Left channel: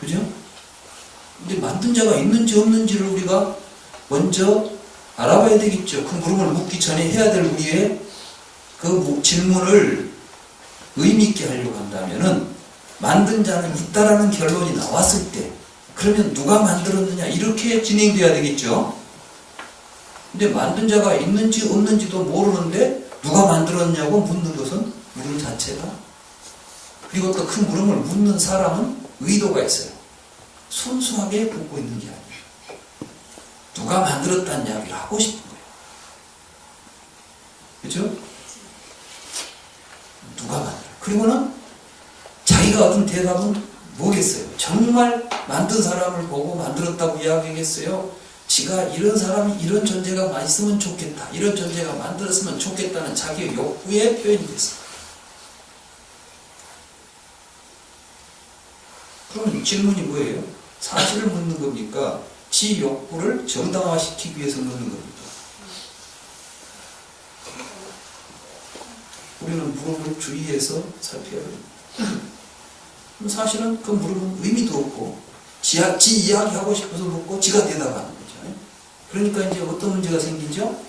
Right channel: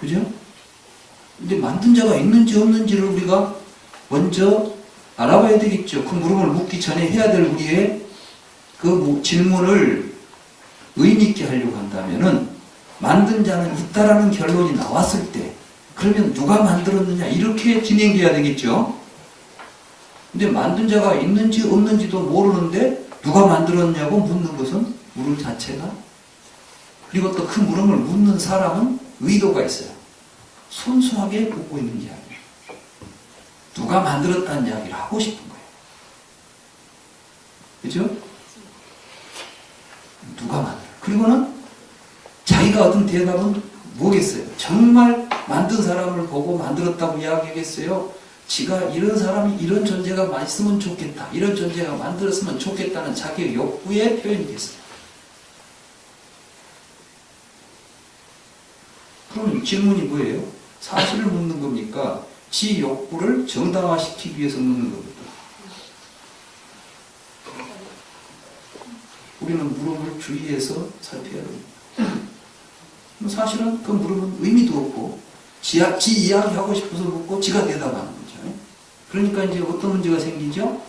그죠? 근데 만든 자가 있는지 없는지를 우리가 먼저 알아봐야 되겠죠. 그 물음을 묻기 전에 해야 될 우리의 그 질문을 의미있게 하려고 한다면은 만든 자는 있다라는 결론이 나왔을 때 그러면 누가 만들었느냐 이렇게 진행돼야 되겠죠. 근데 만든 자가 있는지 없는지도 모르는데 누가 만들었냐고 묻는 것은 물음 자체가, 그리고 또 그 물음을 묻는 사람은 의도가 있어요. 순수하게 묻고 있는 게 아니에요. 누가 만들었다는 이야기를 하고 싶은 거예요. 그죠? 누가 만들어? 그리고는 자기가 얻은 대답은 뭐겠어요? 정말 만든 사람을 보고 만들었다고 이야기하겠어요? 지가 이런 사람이 이런 존재가 있으면 좋겠다, 이런 존재가 만들었으면 좋겠다는 자기의 욕구의 표현이겠어요. 그럼 질문이 뭐예요? 사실을 묻는 겁니까? 지 욕구를 정당화시키기 위해서 묻는 겁니다. 우리는 물음을 주의해서 살펴야 됩니다. 사실은 그 물음은 의미도 없고 지 이야기하고 싶어서 묻고 지가 대답하는 거죠. 그러니까 이제 어떤 문제가 생기죠?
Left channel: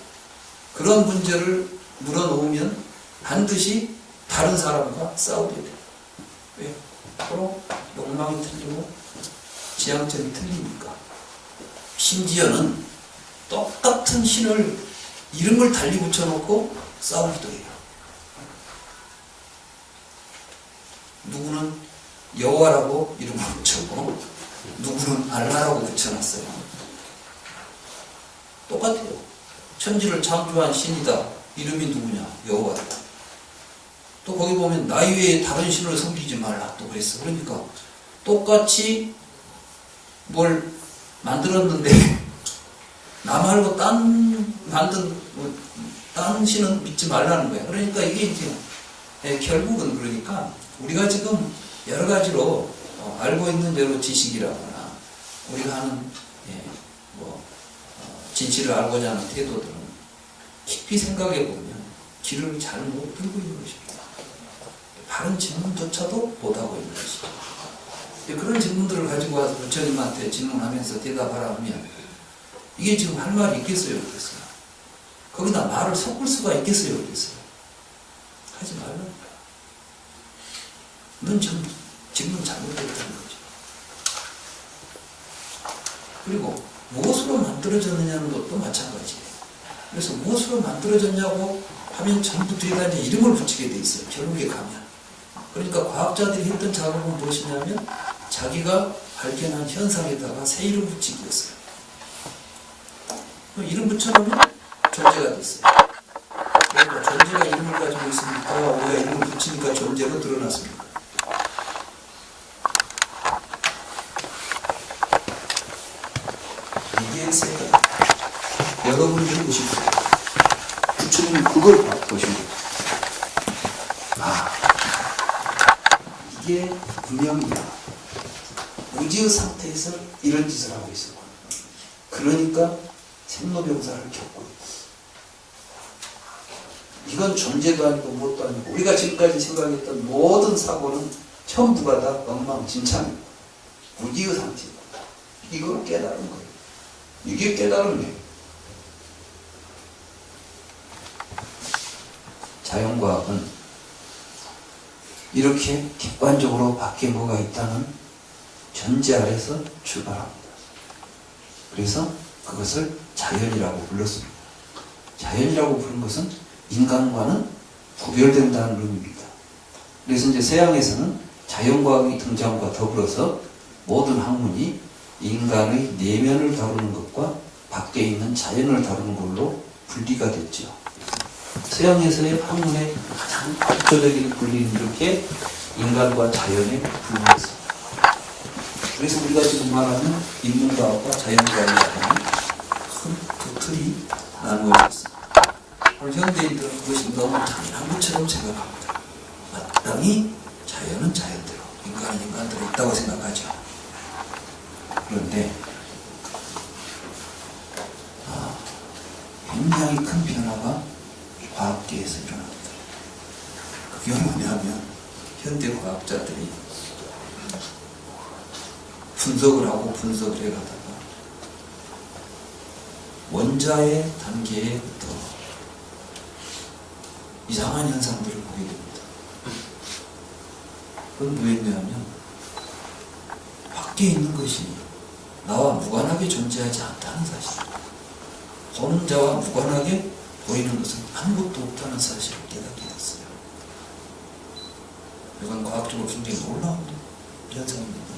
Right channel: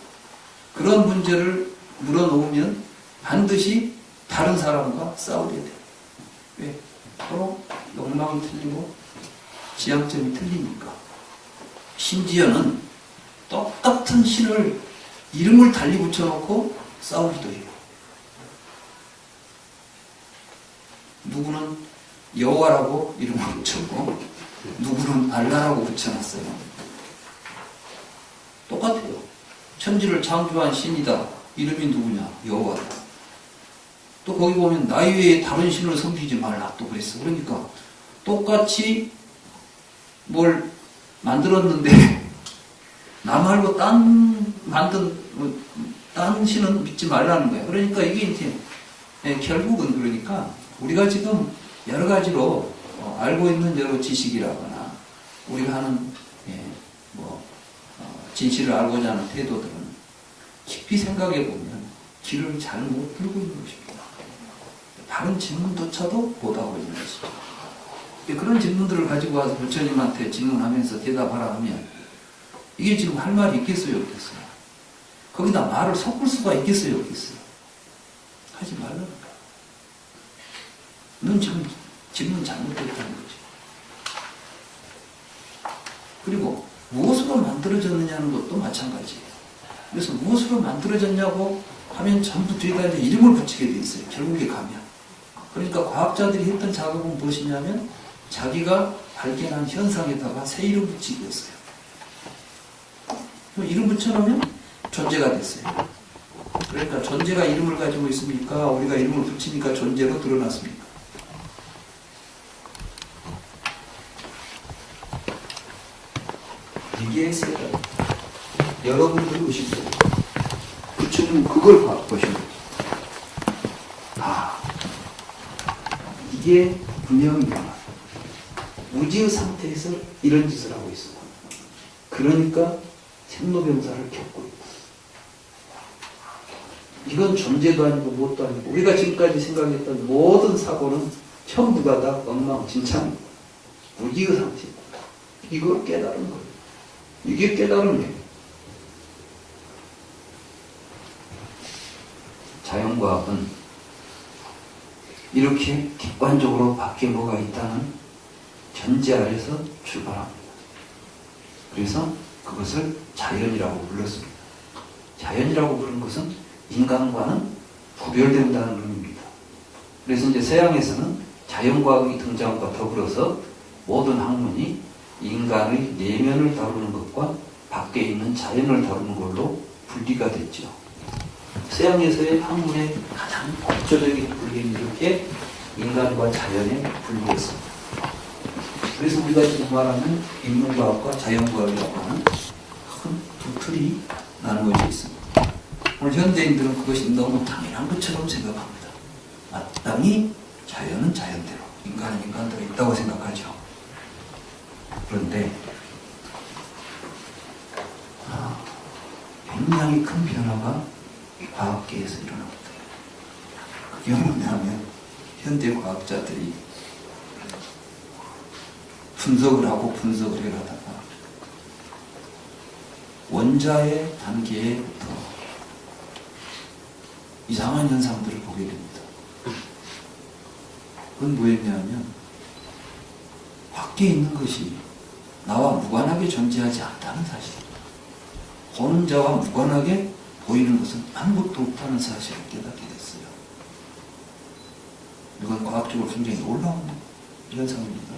그런 문제를 물어놓으면 반드시 다른 사람과 싸우게 돼요. 왜? 서로 욕망이 틀리고 지향점이 틀리니까. 심지어는 똑같은 신을 이름을 달리 붙여놓고 싸우기도 해요. 누구는 여호와라고 이름을 붙였고 누구는 알라라고 붙여놨어요. 똑같아요. 천지를 창조한 신이다. 이름이 누구냐? 여호와다. 또 거기 보면 나 외에 다른 신을 섬기지 말라 또 그랬어. 그러니까 똑같이 뭘 만들었는데 나 말고 딴 신은 믿지 말라는 거야. 그러니까 이게 이제 결국은 그러니까 우리가 지금 여러 가지로 알고 있는 여러 지식이라거나 우리가 하는 진실을 알고자 하는 태도들은 깊이 생각해 보면 길을 잘못 들고 있는 것입니다. 바른 질문조차도 못하고 있는 것이죠. 그런 질문들을 가지고 와서 부처님한테 질문하면서 대답하라 하면 이게 지금 할 말이 있겠어요, 없겠어요? 거기다 말을 섞을 수가 있겠어요, 없겠어요? 하지 말라니까. 넌 지금 질문 잘못했다는 거죠. 그리고 무엇으로 만들어졌느냐는 것도 마찬가지예요. 그래서 무엇으로 만들어졌냐고 하면 전부 뒤에다 이제 이름을 붙이게 돼 있어요. 결국에 가면. 그러니까 과학자들이 했던 작업은 무엇이냐면 자기가 발견한 현상에다가 새 이름 붙이기였어요. 이름 붙여놓으면 존재가 됐어요. 그러니까 존재가 이름을 가지고 있으니까 우리가 이름을 붙이니까 존재로 드러났습니다. 이게 세가 여러분들이 보시면 부처님은 그걸 보시면 이게 분명히 무지의 상태에서 이런 짓을 하고 있어. 그러니까 생로병사를 겪고 있고 이건 존재도 아니고 무엇도 아니고 우리가 지금까지 생각했던 모든 사고는 전부가 다 엉망진창입니다. 무지의 상태입니다. 이걸 깨달은 거예요. 이게 깨달음이에요. 자연과학은 이렇게 객관적으로 밖에 뭐가 있다는 전제 아래서 출발합니다. 그래서 그것을 자연이라고 불렀습니다. 자연이라고 부른 것은 인간과는 구별된다는 의미입니다. 그래서 이제 서양에서는 자연과학이 등장과 더불어서 모든 학문이 인간의 내면을 다루는 것과 밖에 있는 자연을 다루는 걸로 분리가 됐죠. 서양에서의 학문의 가장 대표적인 분리는 이렇게 인간과 자연에 분리했습니다. 그래서 우리가 지금 말하는 인문과학과 자연과학이라는 큰 두 틀이 나누어져 있습니다. 오늘 현대인들은 그것이 너무 당연한 것처럼 생각합니다. 마땅히 자연은 자연대로, 인간은 인간대로 있다고 생각하죠. 그런데 굉장히 큰 변화가 과학계에서 일어납니다. 그게 뭐냐면 현대 과학자들이 분석을 하고 분석을 해가다가 원자의 단계부터 이상한 현상들을 보게 됩니다. 그건 뭐였냐면 밖에 있는 것이 나와 무관하게 존재하지 않다는 사실, 보는 자와 무관하게 보이는 것은 아무것도 없다는 사실을 깨닫게 됐어요. 이건 과학적으로 굉장히 놀라운 현상입니다.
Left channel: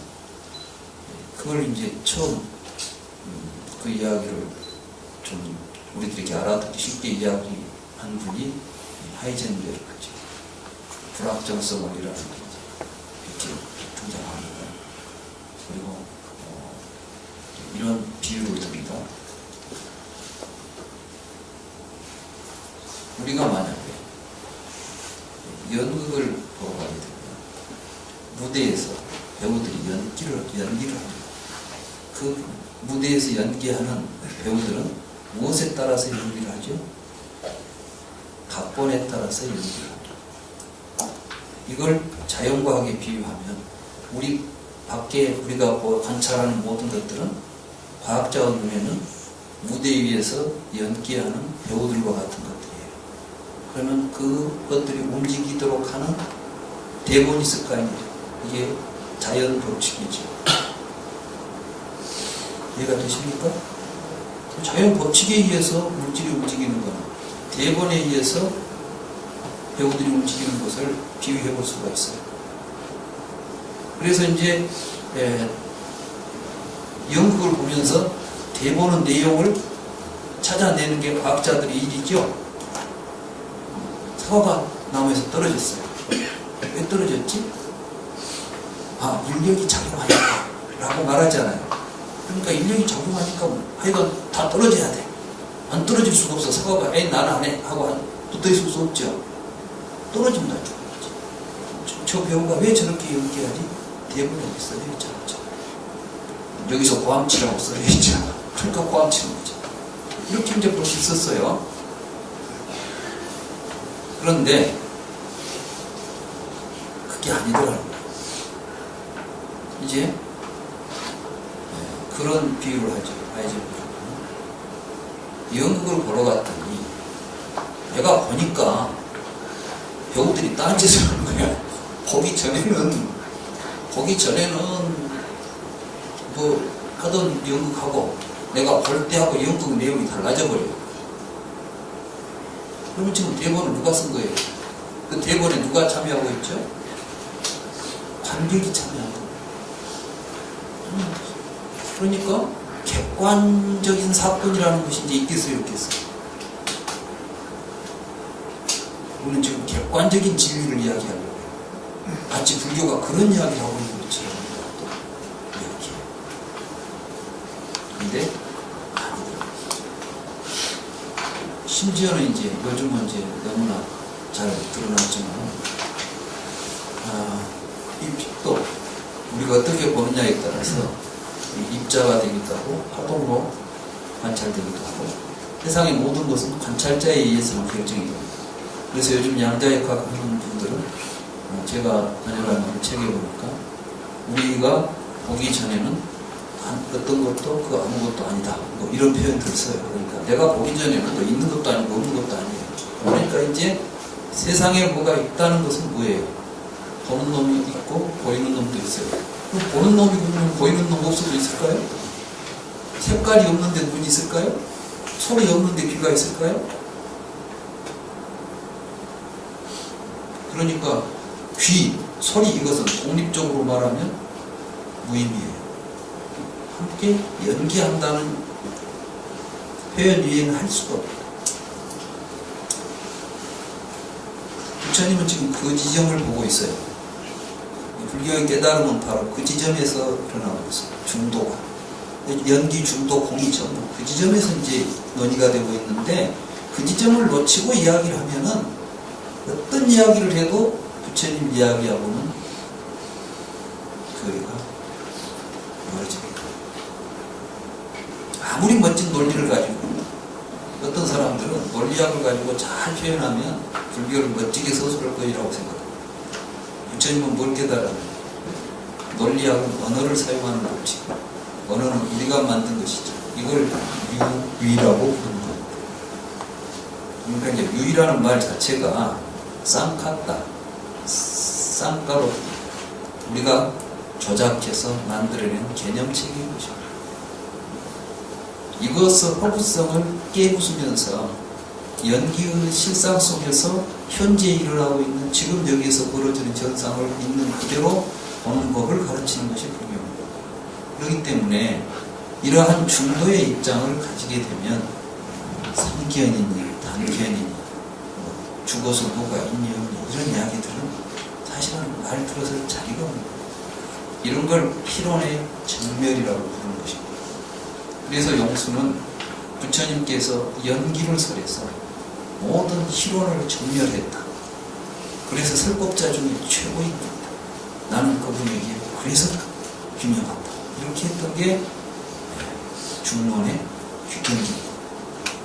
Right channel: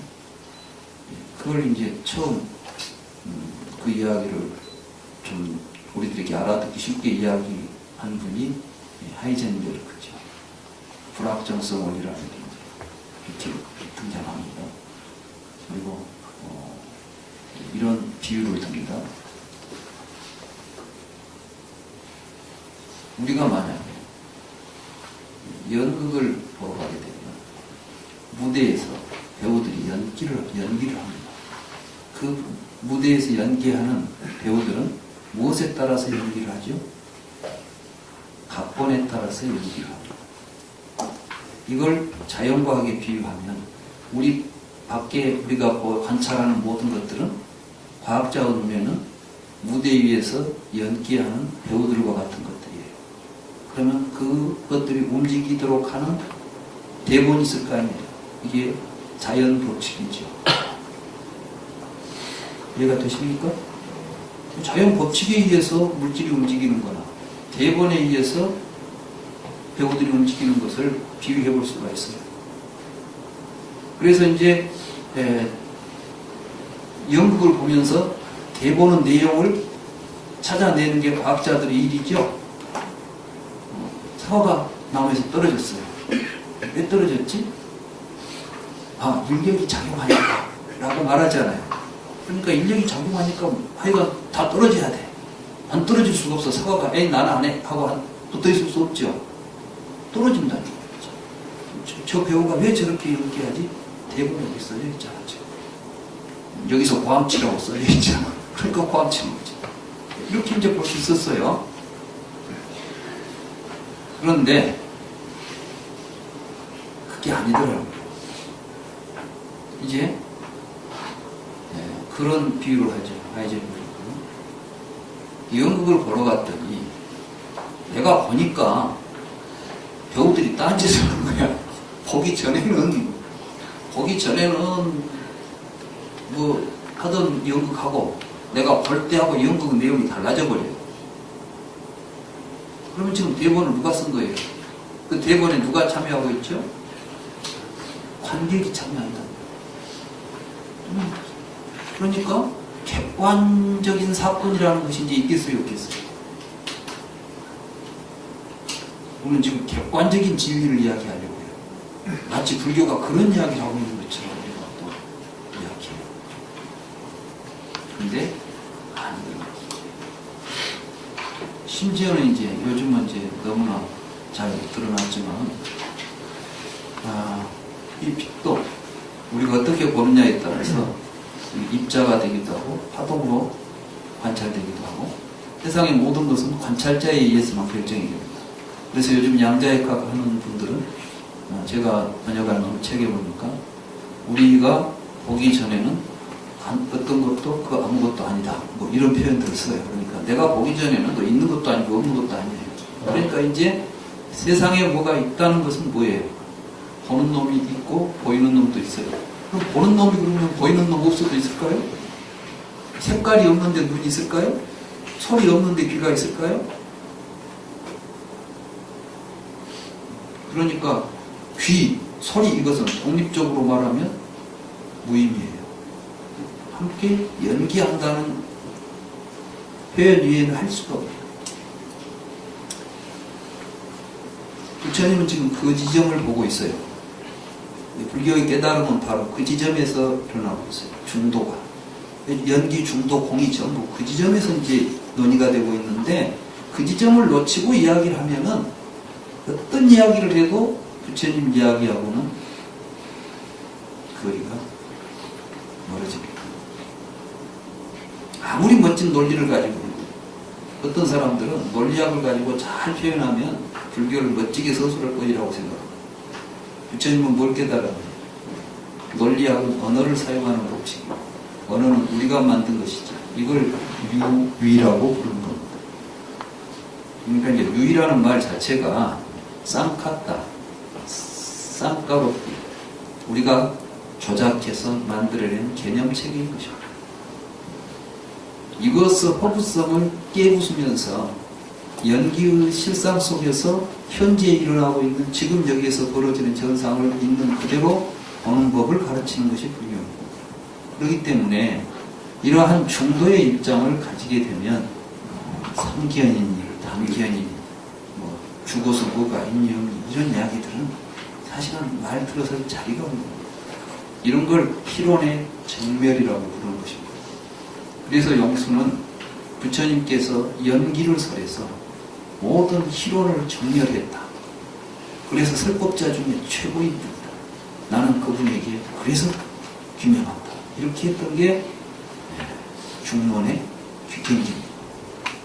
그걸 이제 처음 그 이야기를 좀 우리들에게 알아듣기 쉽게 이야기한 분이 하이젠베르크죠. 불확정성 원리라는 게 이렇게 등장합니다. 그리고 이런 비유를 듭니다. 우리가 만약에 연극을 보러 가게 되면 무대에서 배우들이 연기를 합니다. 그 무대에서 연기하는 배우들은 무엇에 따라서 연기를 하죠? 각본에 따라서 연기를 합니다. 이걸 자연과학에 비유하면 우리 밖에 우리가 관찰하는 모든 것들은 과학자의 눈에는 무대 위에서 연기하는 배우들과 같은 것들이에요. 그러면 그것들이 움직이도록 하는 대본이 있을 거 아니에요. 이게 자연 법칙이죠. 이해가 되십니까? 자연 법칙에 의해서 물질이 움직이는 거나 대본에 의해서 배우들이 움직이는 것을 비유해 볼 수가 있어요. 그래서 이제 연극을 보면서 대본의 내용을 찾아내는 게 과학자들의 일이죠. 사과가 나무에서 떨어졌어요. 왜 떨어졌지? 아, 인력이 작용하니까 라고 말하잖아요. 그러니까 인력이 작용하니까 하여간 다 떨어져야 돼. 안 떨어질 수가 없어. 사과가 에이 나는 안 해 하고 붙어 있을 수 없죠. 떨어진다. 저 배우가 왜 저렇게 연기하지? 대본에 여기 써져 있잖아. 여기서 고함치라고 써져 있잖아. 그러니까 고함치는 거죠. 이렇게 이제 볼 수 있었어요. 그런데 그게 아니더라고요. 이제 그런 비유를 하죠. 하이젠베르크는 연극을 보러 갔더니 내가 보니까 배우들이 딴짓을 하는 거야. 보기 전에는 뭐 하던 연극하고 내가 볼 때하고 연극 내용이 달라져 버려요. 그러면 지금 대본을 누가 쓴 거예요? 그 대본에 누가 참여하고 있죠? 관객이 참여한다. 그러니까 객관적인 사건이라는 것이 이제 있겠어요, 없겠어요? 우리는 지금 객관적인 진리를 이야기하려고 해요. 마치 불교가 그런 이야기를 하고 있는 것처럼 우리가 또 이야기해요. 근데 아니더라고요. 심지어는 이제 요즘은 이제 너무나 잘 드러났지만 이 빛도 우리가 어떻게 보느냐에 따라서 입자가 되기도 하고 파동으로 관찰되기도 하고 세상의 모든 것은 관찰자에 의해서만 결정이 됩니다. 그래서 요즘 양자역학 하는 분들은 제가 번역한 책에 보니까 우리가 보기 전에는 어떤 것도 그 아무것도 아니다 뭐 이런 표현들을 써요. 그러니까 내가 보기 전에는 또 있는 것도 아니고 없는 것도 아니에요. 그러니까 이제 세상에 뭐가 있다는 것은 뭐예요? 보는 놈이 있고 보이는 놈도 있어요. 그럼 보는 놈이 보면 보이는 놈 없어도 있을까요? 색깔이 없는데 눈이 있을까요? 소리 없는데 귀가 있을까요? 그러니까 귀, 소리 이것은 독립적으로 말하면 무의미해요. 함께 연기한다는 표현 위에는 할 수가 없어요. 부처님은 지금 그 지점을 보고 있어요. 불교의 깨달음은 바로 그 지점에서 일어나고 있어요. 중도가. 연기, 중도, 공이 전부 그 지점에서 이제 논의가 되고 있는데 그 지점을 놓치고 이야기를 하면은 어떤 이야기를 해도 부처님 이야기하고는 거리가 멀어집니다. 아무리 멋진 논리를 가지고 어떤 사람들은 논리학을 가지고 잘 표현하면 불교를 멋지게 서술할 것이라고 생각합니다. 부처님은 뭘 깨달았나요? 논리학은 언어를 사용하는 법칙입니다. 언어는 우리가 만든 것이죠. 이걸 유의라고 부르는 겁니다. 그러니까 이제 유의라는 말 자체가 쌍카따, 쌍가로띠, 우리가 조작해서 만들어낸 개념체계인 것입니다. 이것의 허구성을 깨부수면서 연기의 실상 속에서 현재 일어나고 있는 지금 여기에서 벌어지는 현상을 있는 그대로 보는 법을 가르치는 것이 불교입니다. 그렇기 때문에 이러한 중도의 입장을 가지게 되면 삼견이니 단견이니 뭐 죽어서 뭐가 있니 이런 이야기들은 사실은 말 들어서 자리가 없는 거예요. 이런 걸 희론의 정멸이라고 부르는 것입니다. 그래서 용수는 부처님께서 연기를 설해서 모든 희론을 정멸했다. 그래서 설법자 중에 최고입니다. 나는 그분에게 그래서 균형한다. 이렇게 했던 게 중론의 귀경입니다.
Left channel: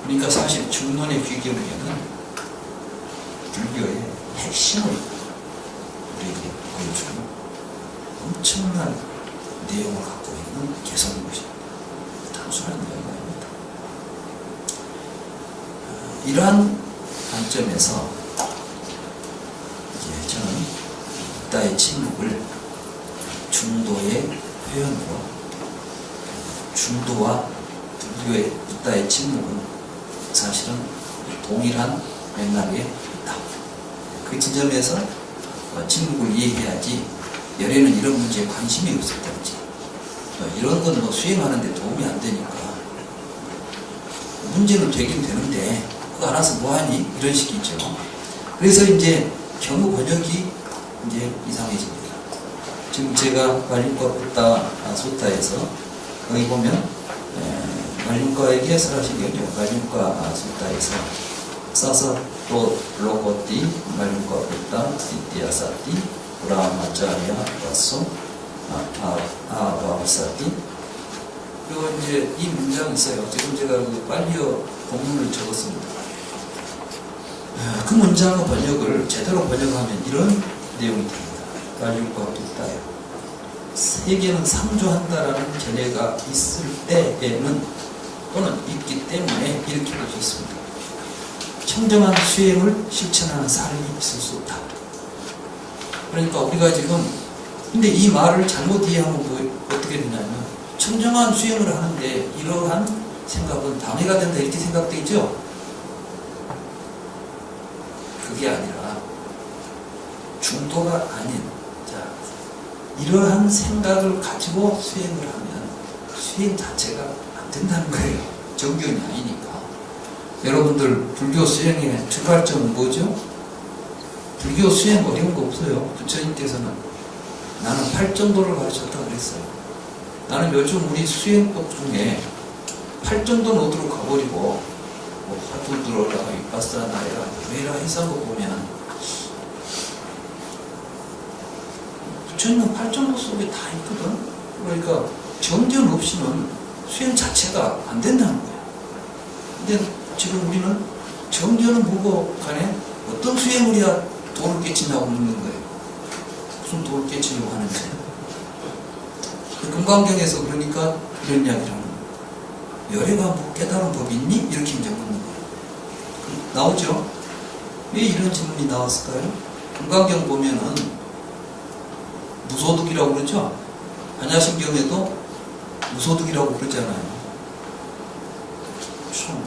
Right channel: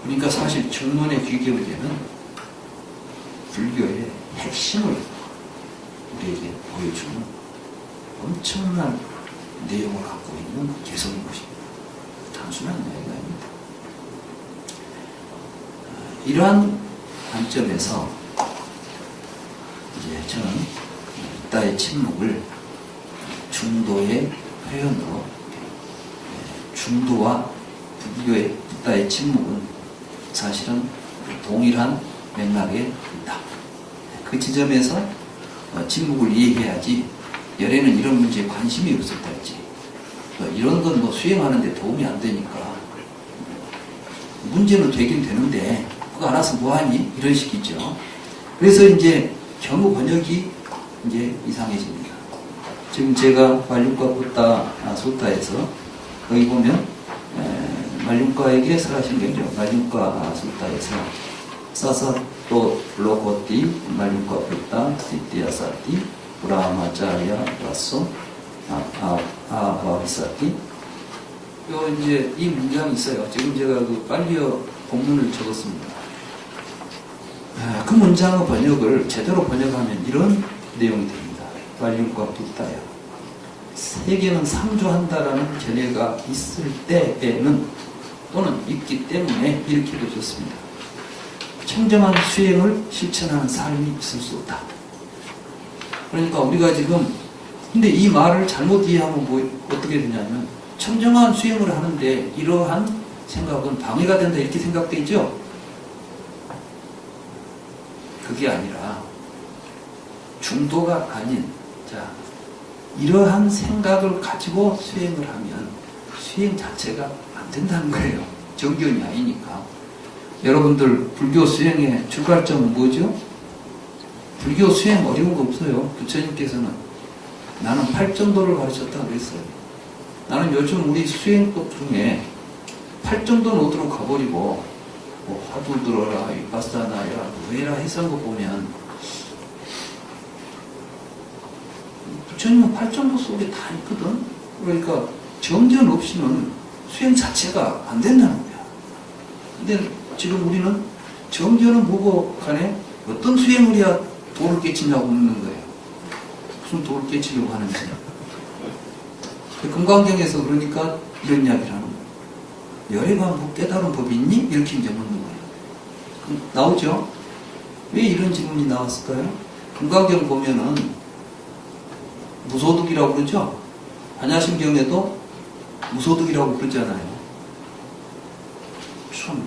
그러니까 사실 중론의 귀경에는 불교의 핵심을 우리에게 보여주는 엄청난 내용을 갖고 있는 개성인 것입니다. 단순한 이야기가 아닙니다. 이러한 관점에서 이제 저는 붓다의 침묵을 중도의 표현으로 중도와 불교의 붓다의 침묵은 사실은 동일한 맥락에 있다. 그 지점에서 침묵을 이해해야지 열에는 이런 문제에 관심이 없었다든지 이런 건 뭐 수행하는 데 도움이 안 되니까 문제는 되긴 되는데 그거 알아서 뭐하니? 이런 식이죠. 그래서 이제 경우 번역이 이제 이상해집니다. 지금 제가 말륜과 붓다 소타에서 거기 보면 말륜과에 대해서 하신 거죠. 말륜과 소타에서 사사 또 로코띠 말륜과 붓다 시띠아사띠 브라마짜리아 바소 아바비사띠 요 이제 이 문장이 있어요. 지금 제가 그 빨리어 본문을 적었습니다. 그 문장의 번역을 제대로 번역하면 이런 내용이 됩니다. 말륜과 붓다요. 세계는 상조한다라는 견해가 있을 때에는 또는 있기 때문에 이렇게 보셨습니다. 청정한 수행을 실천하는 삶이 있을 수 없다. 그러니까 우리가 지금 근데 이 말을 잘못 이해하면 뭐 어떻게 되냐면 청정한 수행을 하는데 이러한 생각은 방해가 된다 이렇게 생각되죠. 그게 아니라 중도가 아닌 자 이러한 생각을 가지고 수행을 하면 수행 자체가 안 된다는 거예요. 정견이 아니니까. 여러분들 불교 수행의 출발점은 뭐죠? 불교 수행 어려운 거 없어요. 부처님께서는 나는 8정도를 가르쳤다 그랬어요. 나는 요즘 우리 수행법 중에 8정도 노드로 가버리고 뭐 화두 들어라, 위파사나이라, 왜라 해서 거 보면 부처님은 8정도 속에 다 있거든. 그러니까 정견 없이는 수행 자체가 안 된다는 거야. 근데 지금 우리는 정견은 뭐고 간에 어떤 수행을 해야 도를 깨치냐고 묻는 거예요. 무슨 도를 깨치려고 하는지. 금강경에서 그러니까 이런 이야기를 하는 거예요. 열애가 뭐 깨달은 법이 있니? 이렇게 이제 묻는 거예요. 나오죠? 왜 이런 질문이 나왔을까요? 금강경 보면은 무소득이라고 그러죠? 반야심경에도 무소득이라고 그러잖아요. 참,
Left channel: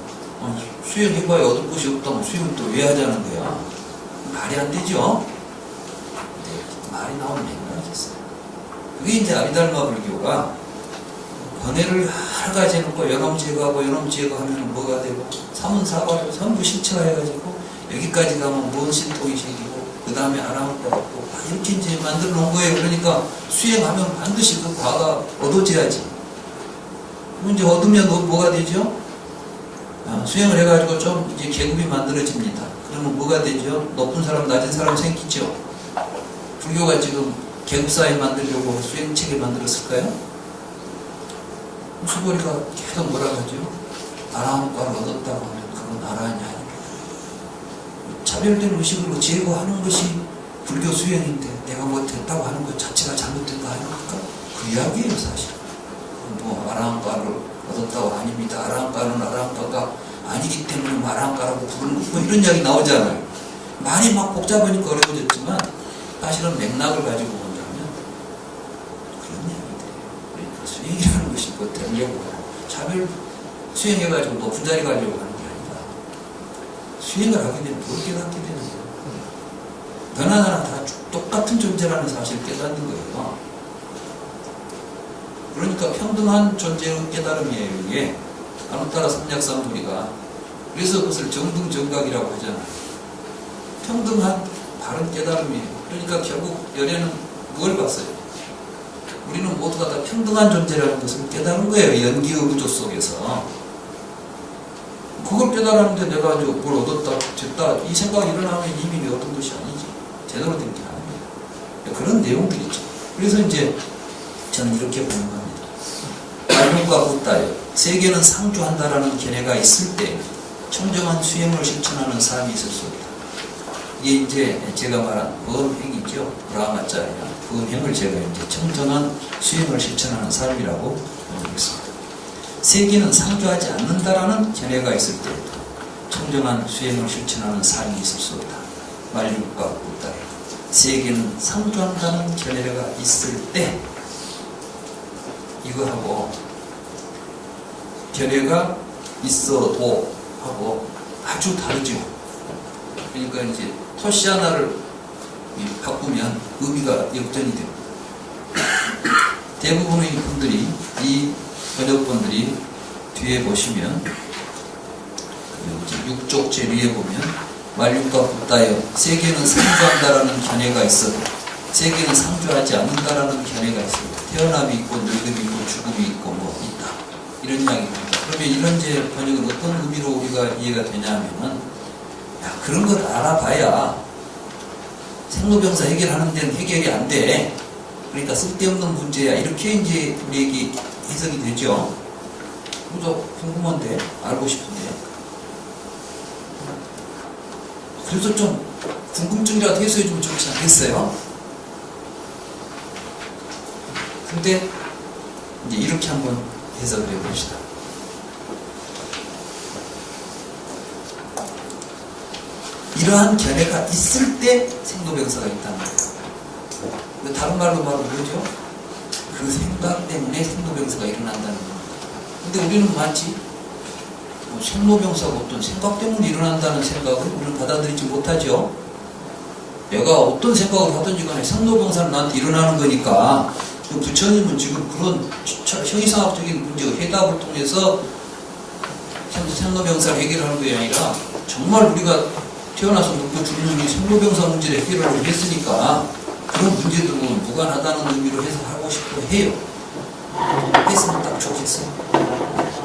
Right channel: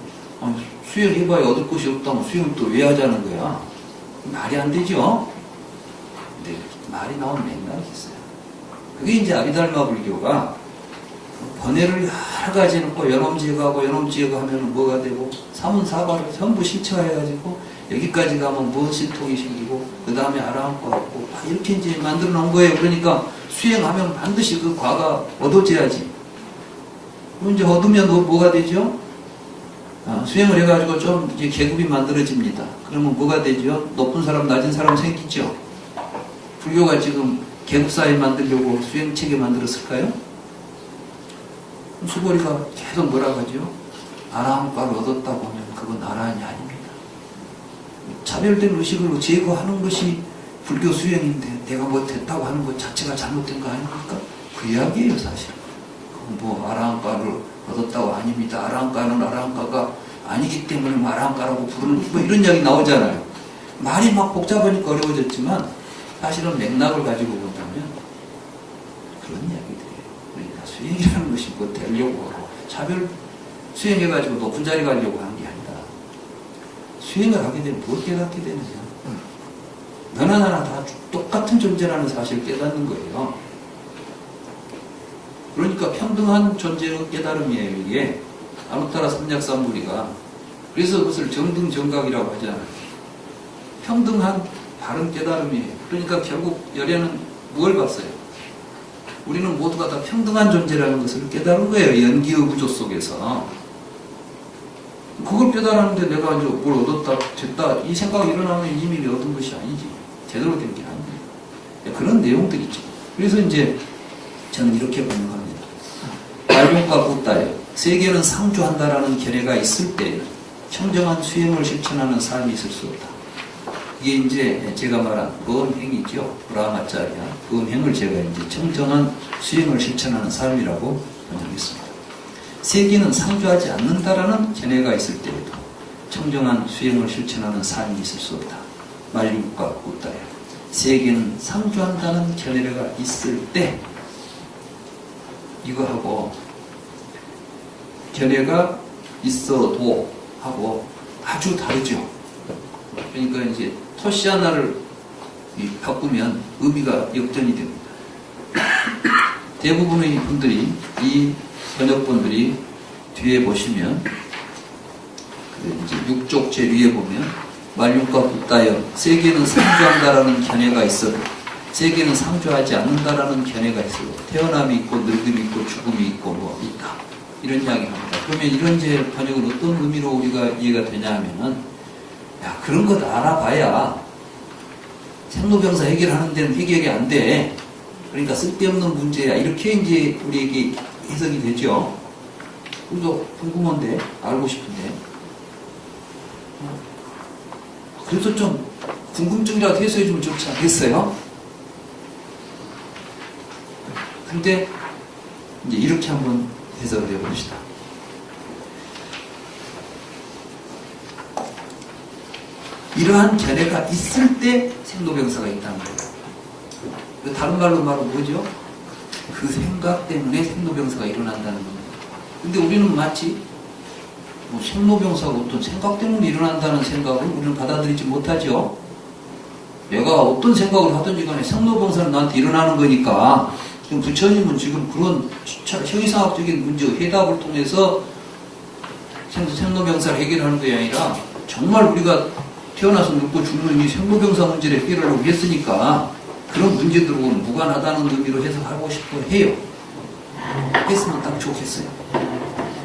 수행해봐야 얻을 것이 없다면 수행을 또 왜 하자는 거야? 말이 안 되죠? 근데 말이 나오는 맥락이 있어요. 그게 이제 아비달마 불교가 번뇌를 여러 가지 해놓고 연엄 제거하고 연엄 제거하면 뭐가 되고 사문사과를 전부 실체화해가지고 여기까지 가면 무언 신통이 생기고 그 다음에 아라한과 같고 이렇게 이제 만들어 놓은 거예요. 그러니까 수행하면 반드시 그 과가 얻어져야지. 그럼 이제 얻으면 뭐가 되죠? 수행을 해가지고 좀 이제 계급이 만들어집니다. 그러면 뭐가 되죠? 높은 사람, 낮은 사람 생기죠? 불교가 지금 계급사회 만들려고 수행체계 만들었을까요? 수고리가 계속 뭐라고 하죠? 아라한과를 얻었다고 하면 그건 아라한이 아닙니다. 차별된 의식으로 제거하는 것이 불교 수행인데 내가 뭐 됐다고 하는 것 자체가 잘못된 거 아닙니까? 그 이야기예요, 사실. 뭐 아라한가를 얻었다고 아닙니다. 아라한가는 아라한가가 아니기 때문에 뭐 아라한가라고 부르는 뭐 이런 이야기 나오잖아요. 말이 막 복잡하니까 어려워졌지만 사실은 맥락을 가지고 본다면 그런 이야기들이에요. 그러니까 수행이라는 것이 뭐 되려고 하고 차별 수행해가지고 높은 자리 가려고 하는 게 아니라 수행을 하게 되면 뭘 깨닫게 되는 거예요. 너나 나나 다 똑같은 존재라는 사실을 깨닫는 거예요. 그러니까 평등한 존재의 깨달음이에요. 이게 아누타라 삼약삼무리가. 그래서 그것을 정등정각이라고 하잖아요. 평등한 바른 깨달음이에요. 그러니까 결국 열애는 뭘 봤어요? 우리는 모두가 다 평등한 존재라는 것을 깨달은 거예요. 연기의 구조 속에서. 그걸 깨달았는데 내가 이제 뭘 얻었다, 됐다, 이 생각이 일어나면 이미 얻은 것이 아니지. 제대로 된 게 아니에요. 그런 내용들이죠. 그래서 이제 저는 이렇게 보는 겁니다. 말용과 붓다에 세계는 상주한다라는 견해가 있을 때 청정한 수행을 실천하는 삶이 있을 수 있다. 이게 이제 제가 말한 범행이죠. 브라마짜리냐. 범행을 제가 이제 청정한 수행을 실천하는 삶이라고 보겠습니다. 세계는 상주하지 않는다라는 견해가 있을 때부터 청정한 수행을 실천하는 삶이 있을 수 없다. 말육과 붓다에 세계는 상주한다는 견해가 있을 때 이거하고 견해가 있어도 하고 아주 다르죠. 그러니까 이제 토시 하나를 바꾸면 의미가 역전이 됩니다. 대부분의 분들이 이 번역본들이 뒤에 보시면 이제 6쪽 제2에 보면 말육과 붓다여 세계는 상주한다라는 견해가 있어 세계는 상주하지 않는다라는 견해가 있어요. 태어남이 있고 늙음이 있고 죽음이 있고 뭐 있다. 이런 이야기입니다. 그러면 이런 제 번역은 어떤 의미로 우리가 이해가 되냐 하면은 야 그런 걸 알아봐야 생로병사 해결하는 데는 해결이 안 돼. 그러니까 쓸데없는 문제야. 이렇게 이제 우리에게 해석이 되죠. 그래서 궁금한데 알고 싶은데 그래서 좀 궁금증이라도 해소해주면 좋지 않겠어요? 근데 이제 이렇게 한번 해석을 해봅시다. 이러한 견해가 있을 때 생로병사가 있다는 거예요. 다른 말로 말하면 뭐죠? 그 생각 때문에 생로병사가 일어난다는 겁니다. 근데 우리는 마치 생로병사가 어떤 생각 때문에 일어난다는 생각을 우리는 받아들이지 못하죠. 내가 어떤 생각을 하든지 간에 생로병사는 나한테 일어나는 거니까 지금 부처님은 지금 그런 형이상학적인 문제의 해답을 통해서 생로병사를 해결하는 것이 아니라 정말 우리가 태어나서 늙고 죽는 이 생로병사 문제를 해결하려고 했으니까 그런 문제들은 무관하다는 의미로 해석하고 싶어 해요. 했으면 딱 좋겠어요.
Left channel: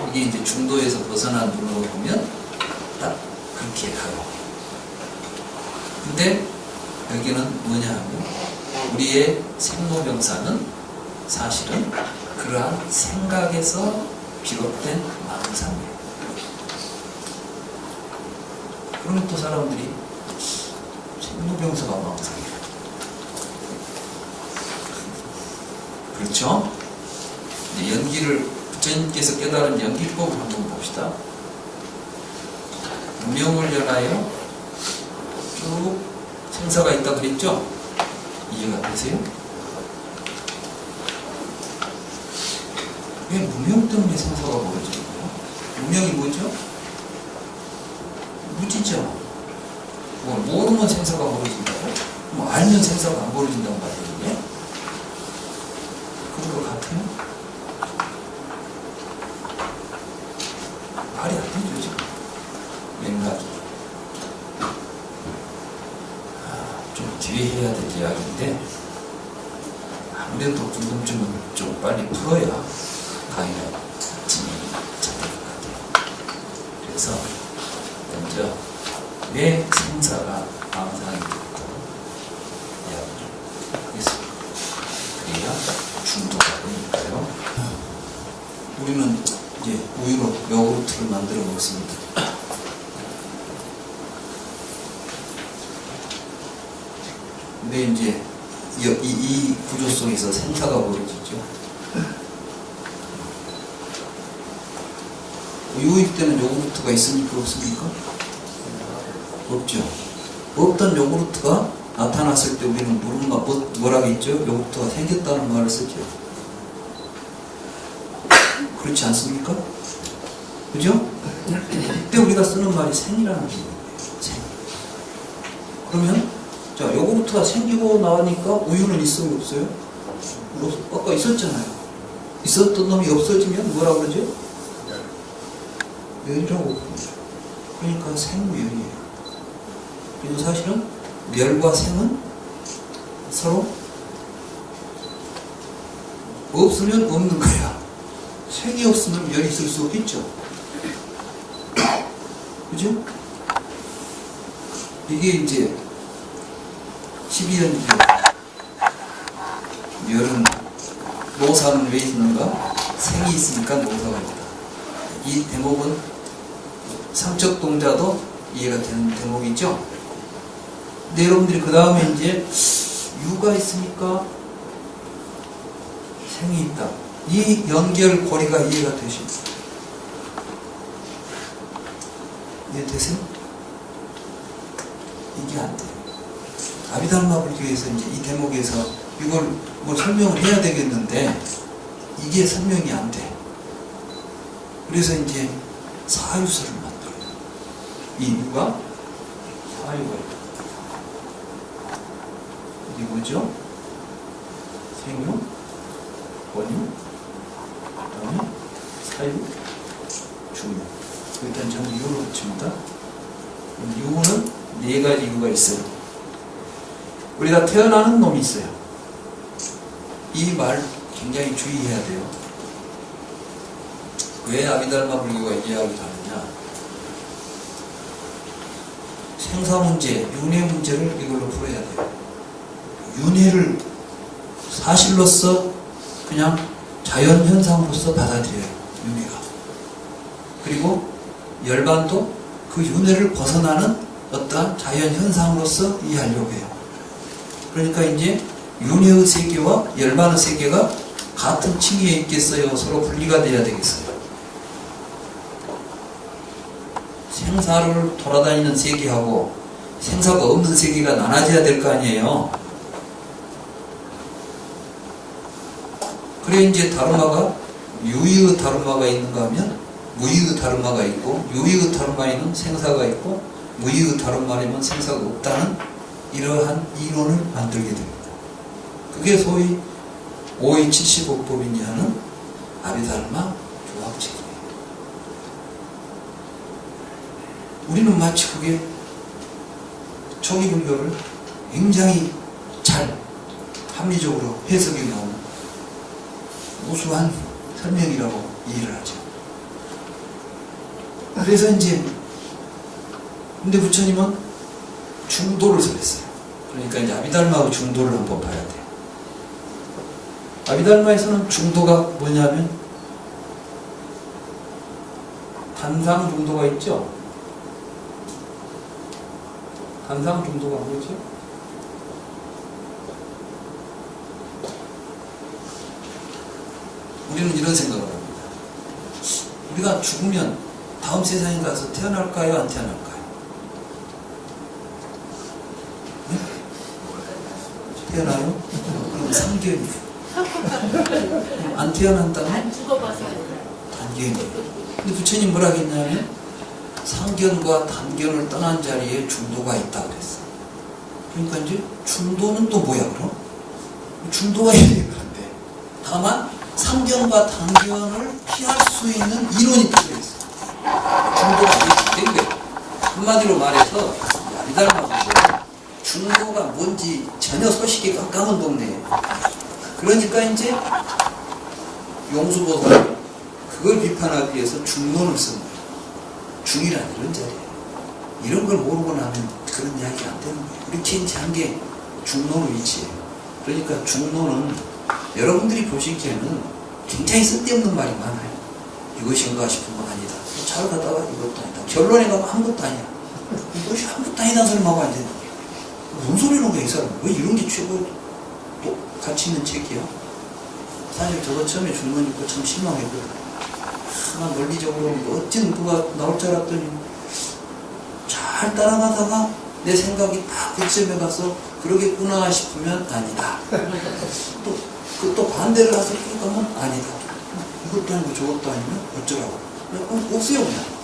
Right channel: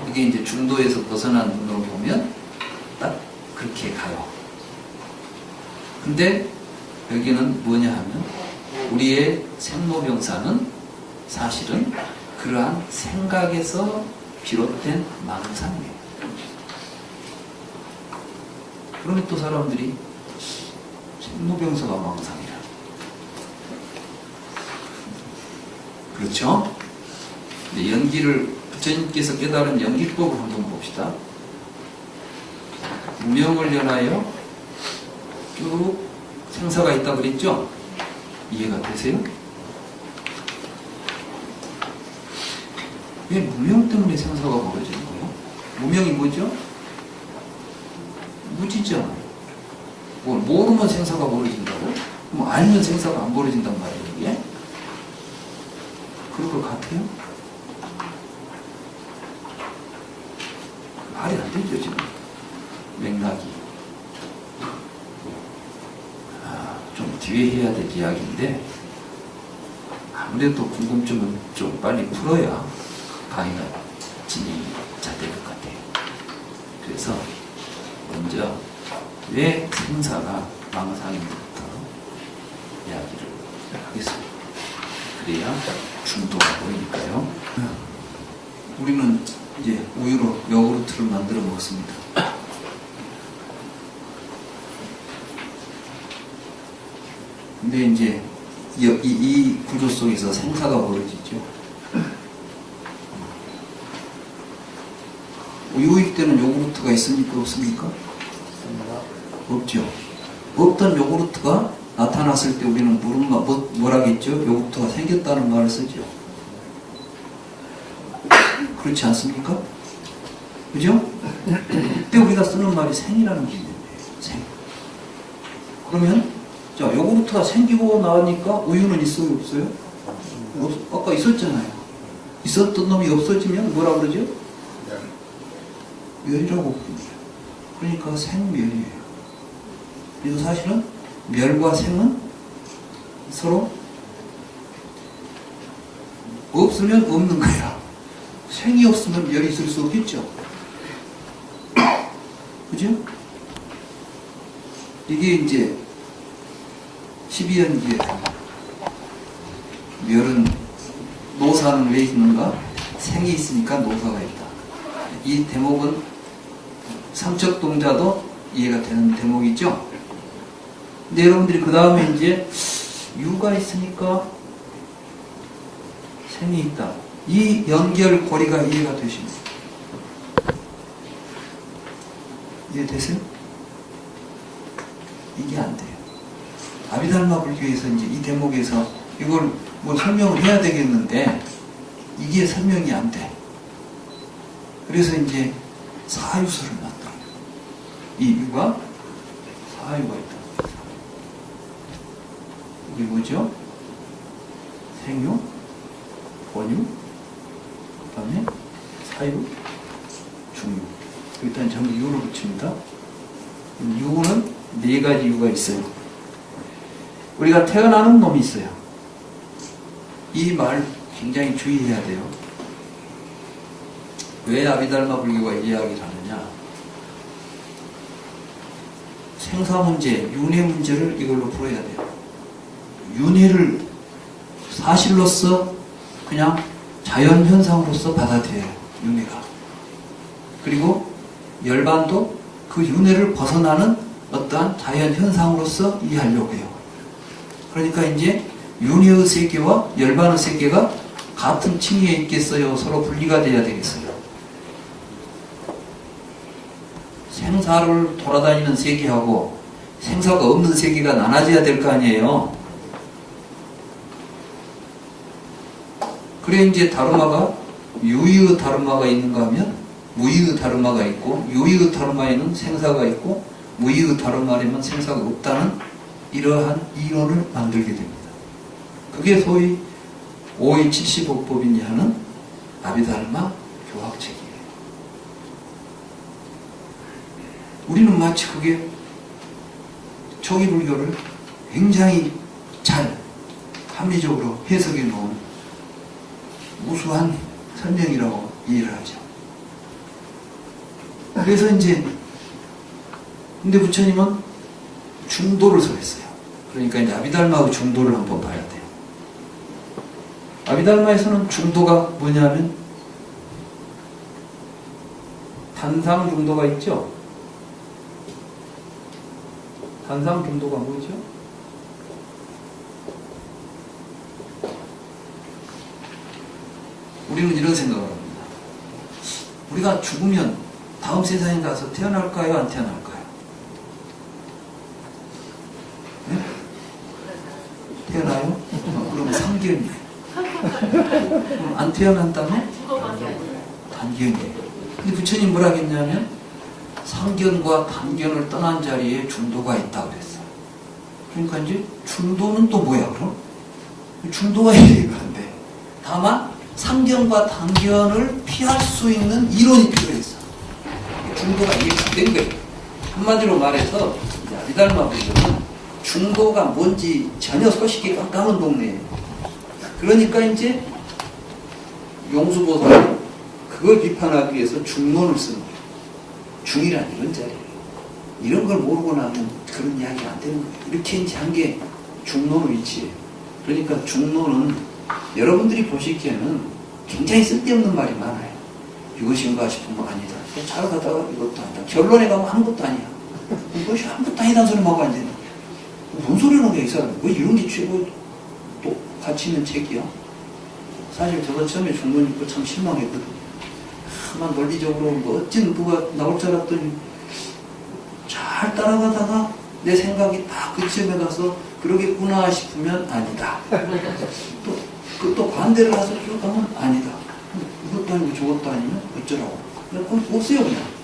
이게 이제 중도에서 벗어난 눈으로 보면 딱 그렇게 가요. 근데 여기는 뭐냐 하면 우리의 생로병사는 사실은 그러한 생각에서 비롯된 망상이에요. 그러면 또 사람들이 생로병사가 망상이라. 그렇죠? 근데 연기를 부처님께서 깨달은 연기법을 한번 봅시다. 무명을 연하여 쭉 생사가 있다 그랬죠? 이해가 되세요? 왜 무명 때문에 생사가 벌어지는 거예요? 무명이 뭐죠? 무지죠. 뭐 모르면 생사가 벌어진다고? 뭐 알면 생사가 안 벌어진단 말이에요. 이게? 그럴 것 같아요? 말이 안 되죠, 지금. 맥락이. 좀 뒤에 해야 될 이야기인데, 아무래도 궁금증은 좀 빨리 풀어야 강의가 진행이 잘 될 것 같아요. 그래서, 먼저, 왜 생사가 망상인지부터 이야기를 하겠습니다. 그래야 중도가 보이니까요. 우리는 이제 우유로 요구르트를 만들어 먹습니다. 근데 이제 구조 속에서 생사가 벌어지죠. 요일 때는 요구르트가 있습니까? 없습니까? 없죠. 없던 요구르트가 나타났을 때 우리는 뭐라겠죠? 요구르트가 생겼다는 말을 쓰죠. 그렇지 않습니까? 그죠? 그때 우리가 쓰는 말이 생이라는 개념이에요. 생. 그러면 자, 요구르트가 생기고 나니까 우유는 있어요? 없어요? 아까 있었잖아요. 있었던 놈이 없어지면 뭐라 그러죠? 멸이라고 부르죠. 그러니까 생멸이에요. 그래서 사실은 멸과 생은 서로 없으면 없는 거야. 생이 없으면 멸이 있을 수 없겠죠. 그죠? 이게 이제 12연기에 멸은 노사는 왜 있는가? 생이 있으니까 노사가 있다. 이 대목은 삼척 동자도 이해가 되는 대목이죠. 근데 여러분들이 그 다음에 이제 유가 있으니까 생이 있다. 이 연결고리가 이해가 되십니까? 이해되세요? 이게 안 돼요. 아비달마 불교에서 이제 이 대목에서 이걸 뭐 설명을 해야 되겠는데 이게 설명이 안 돼. 그래서 이제 사유설을 만들어요. 이 유가 사유가 있다. 이게 뭐죠? 생유, 원유, 그 다음에 사유, 중유. 일단 전부 유를 붙입니다. 유는 네 가지 유가 있어요. 우리가 태어나는 놈이 있어요. 이 말 굉장히 주의해야 돼요. 왜 아비달마 불교가 이야기를 하느냐? 생사 문제, 윤회 문제를 이걸로 풀어야 돼요. 윤회를 사실로서 그냥 자연 현상으로서 받아들여요. 윤회가. 그리고 열반도 그 윤회를 벗어나는 어떠한 자연 현상으로서 이해하려고 해요. 그러니까 이제 윤회의 세계와 열반의 세계가 같은 층위에 있겠어요? 서로 분리가 돼야 되겠어요? 생사를 돌아다니는 세계하고 생사가 없는 세계가 나눠져야 될 거 아니에요. 그래 이제 다르마가 유의의 다르마가 있는가 하면 무의의 다르마가 있고, 유의의 다르마에는 생사가 있고 무의의 다르마에는 생사가 없다는 이러한 이론을 만들게 됩니다. 그게 소위 5275법이니 하는 아비달마 교학책이에요. 우리는 마치 그게 초기불교를 굉장히 잘 합리적으로 해석해 놓은 우수한 설명이라고 이해를 하죠. 그래서 이제 근데 부처님은 중도를 설했어요. 그러니까 이제 아비달마하고 중도를 한번 봐야 돼요. 아비달마에서는 중도가 뭐냐면 단상 중도가 있죠. 단상 중도가 뭐죠? 우리는 이런 생각을 합니다. 우리가 죽으면 다음 세상에 가서 태어날까요? 안 태어날까요? 네? 태어나요? 그럼 3견이에요. 그럼 안 태어난다면? 단견이에요. 근데 부처님 뭐라 했냐면 상견과 단견을 떠난 자리에 중도가 있다 그랬어. 그러니까 이제 중도는 또 뭐야 그럼? 중도가 얘기가 안 돼. 다만 상견과 단견을 피할 수 있는 이론이 필요했어. 중도가 이게 된 거예요. 한마디로 말해서 아비달마 불교는 중도가 뭔지 전혀 소식이 깜깜한 동네예요. 그러니까 이제 용수보살은 그걸 비판하기 위해서 중론을 쓴 거예요. 중이란 이런 자리예요. 이런 걸 모르고 나면 그런 이야기 안 되는 거예요. 이렇게 이제 한 게 중론의 위치예요. 그러니까 중론은 여러분들이 보시기에는 굉장히 쓸데없는 말이 많아요. 이것인가 싶은 건 아니다. 잘 가다가 이것도 아니다. 결론에 가면 아무것도 아니야. 이것이 아무것도 아니다는 소리 하고 앉아있는 거야. 뭔 소리는 거야, 이 사람. 왜 이런 게 최고 또 가치 있는 책이야. 사실 저거 처음에 중본 읽고 참 실망했거든. 하나 논리적으로 멋진 누가 나올 줄 알았더니 잘 따라가다가 내 생각이 딱 그쯤에 가서 그러겠구나 싶으면 아니다. 또 반대를 해서 쭉 가면 아니다. 이것도 아니고 저것도 아니면 어쩌라고. 그럼 오세요 그냥.